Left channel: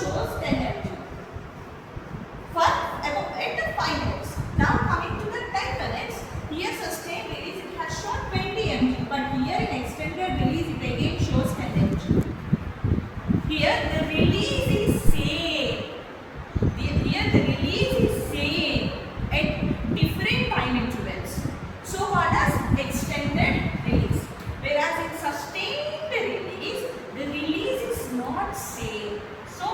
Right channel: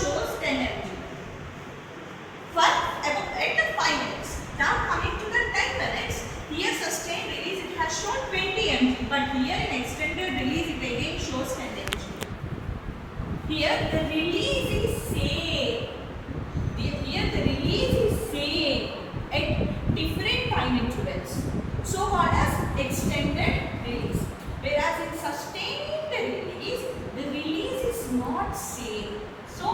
shows 10 mg for about 8 to 5 minutes. Now coming to the 10 minutes, here sustained release it has shown 20 mg, but here in extended release it again shows 10 mg. Here the release is same. Here the release is same at different time intervals. So called as extended release. Whereas in sustained release, the release is not same. So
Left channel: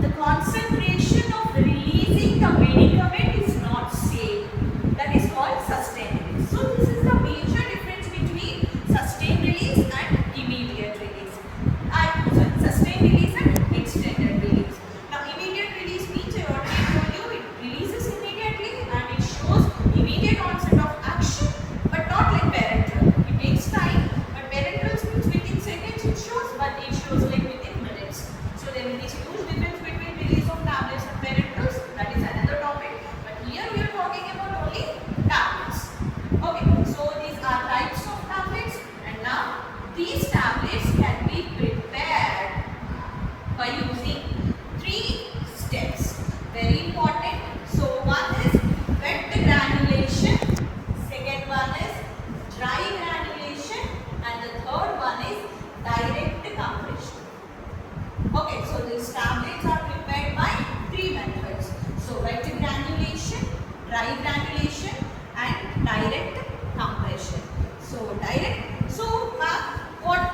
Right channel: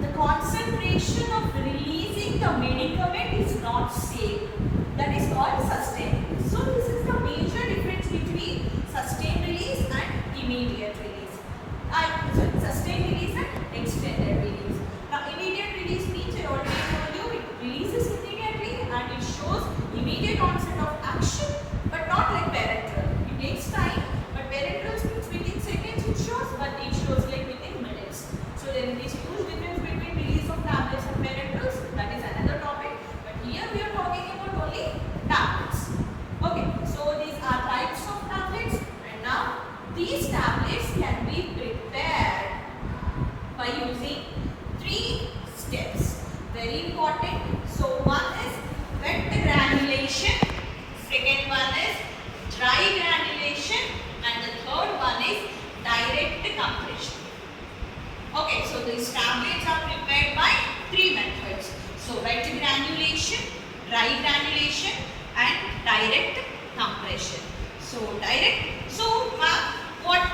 the concentration of releasing the medicament is not same. That is called sustained release. So this is the major difference between sustained release and immediate release. Sustained release and extended release. Now immediate release means I already told you it releases immediately and it shows immediate onset of action, but not like parenteral. It takes time, but parenteral means within seconds it shows, but it shows like within minutes. So there is huge difference between release of tablets and parenterals. That is another topic. But here we are talking about only tablets. Okay, so these are types of tablets, and now these tablets can be prepared by using 3 steps. Very important. So one is wet granulation, second one is dry granulation, and the third one is direct compression. Okay, so these tablets are prepared by 3 methods. So wet granulation, dry granulation, and direct compression. So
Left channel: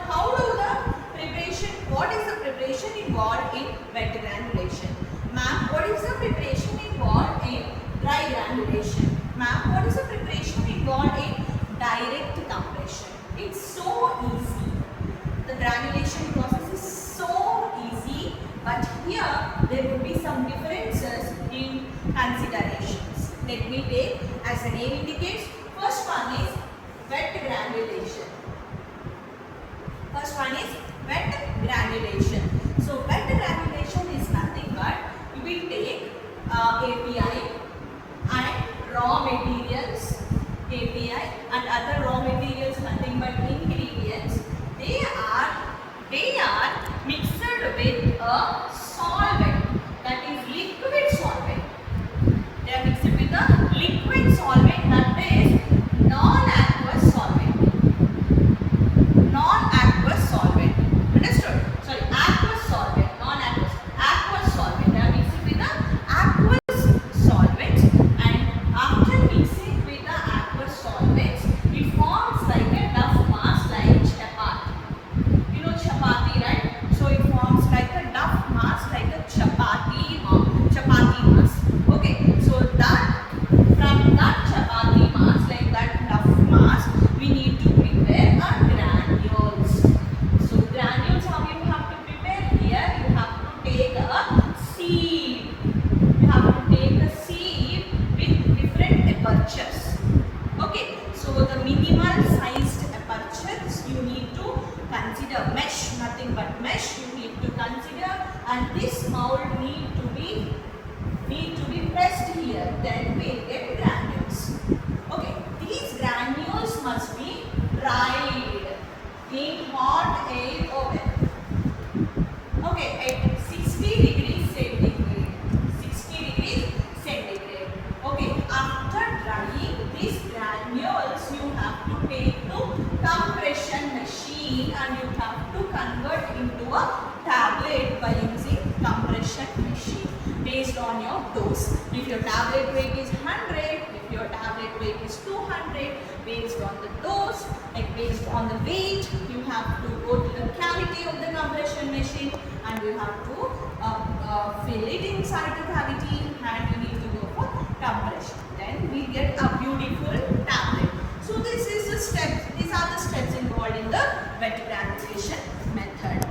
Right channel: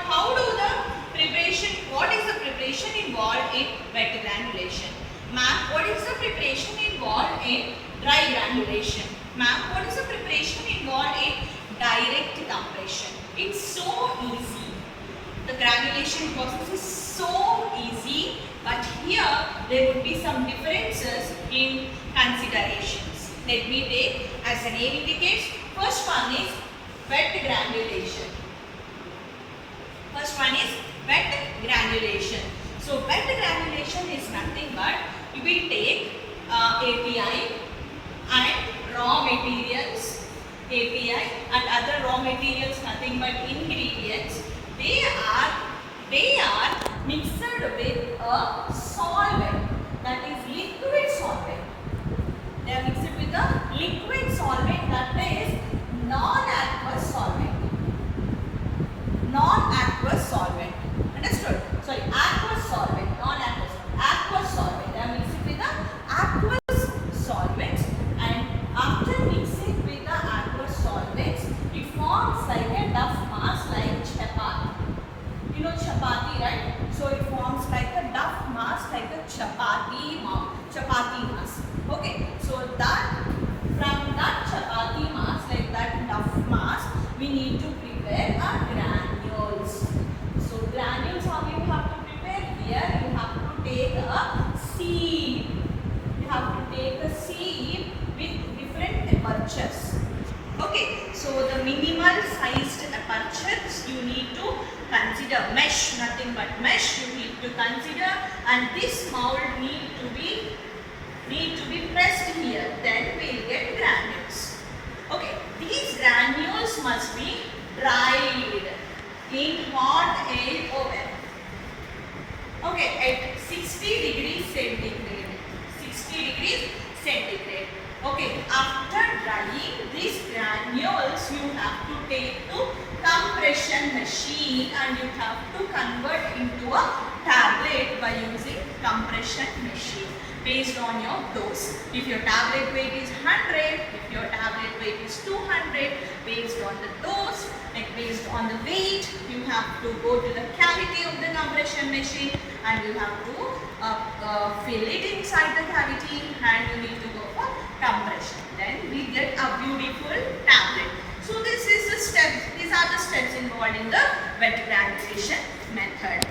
how do the preparation, what is the preparation involved in wet granulation? Ma'am, what is the preparation involved in dry granulation? Ma'am, what is the preparation involved in direct compression? It's so easy. The granulation process is so easy, but here there would be some differences in considerations. Let me take, as the name indicates, first one is wet granulation. First one is wet granulation. So wet granulation is nothing but you will take API and raw materials, API and other raw materials, nothing but ingredients. They are mixed with a solvent, that is liquid solvent. They are mixed with a liquid solvent, that is non-aqueous solvent. Non-aqueous solvent. Understood? Sorry, aqueous solvent, non-aqueous. Aqueous solvent. They are mixed with the aqueous solvents, and after mixing with the aqueous solvents, it forms like a duff mass like chapati. You know chapati, right? So it forms like a duff mass like a chapati mass. Okay, so that from that chapati mass, like that duff mass, we need to prepare a granules. So granules, how you have to prepare? Here you have to take a sieve. You have to take a sieve with different apertures. Okay, so the minimal sized apertures you need to consider. Mesh, nothing but mesh you need to consider, and this mold need to be pressed here. Then we will get granules. Okay, these granules must be dried in hot air oven. Okay, at 60 degrees centigrade. 60 degrees centigrade. Okay, after drying these granules, you have to take to compression machine and you have to convert into a tablet by using compression machine based on your dose. If your tablet weight is 100, if your tablet weight is 200, based on the dose, like based on the weight, you have to go to the cavity of the compression machine and you have to fill it inside the cavity and you need to go for compression. Then we get a beautiful tablet. So these are the steps involved in the wet granulation method.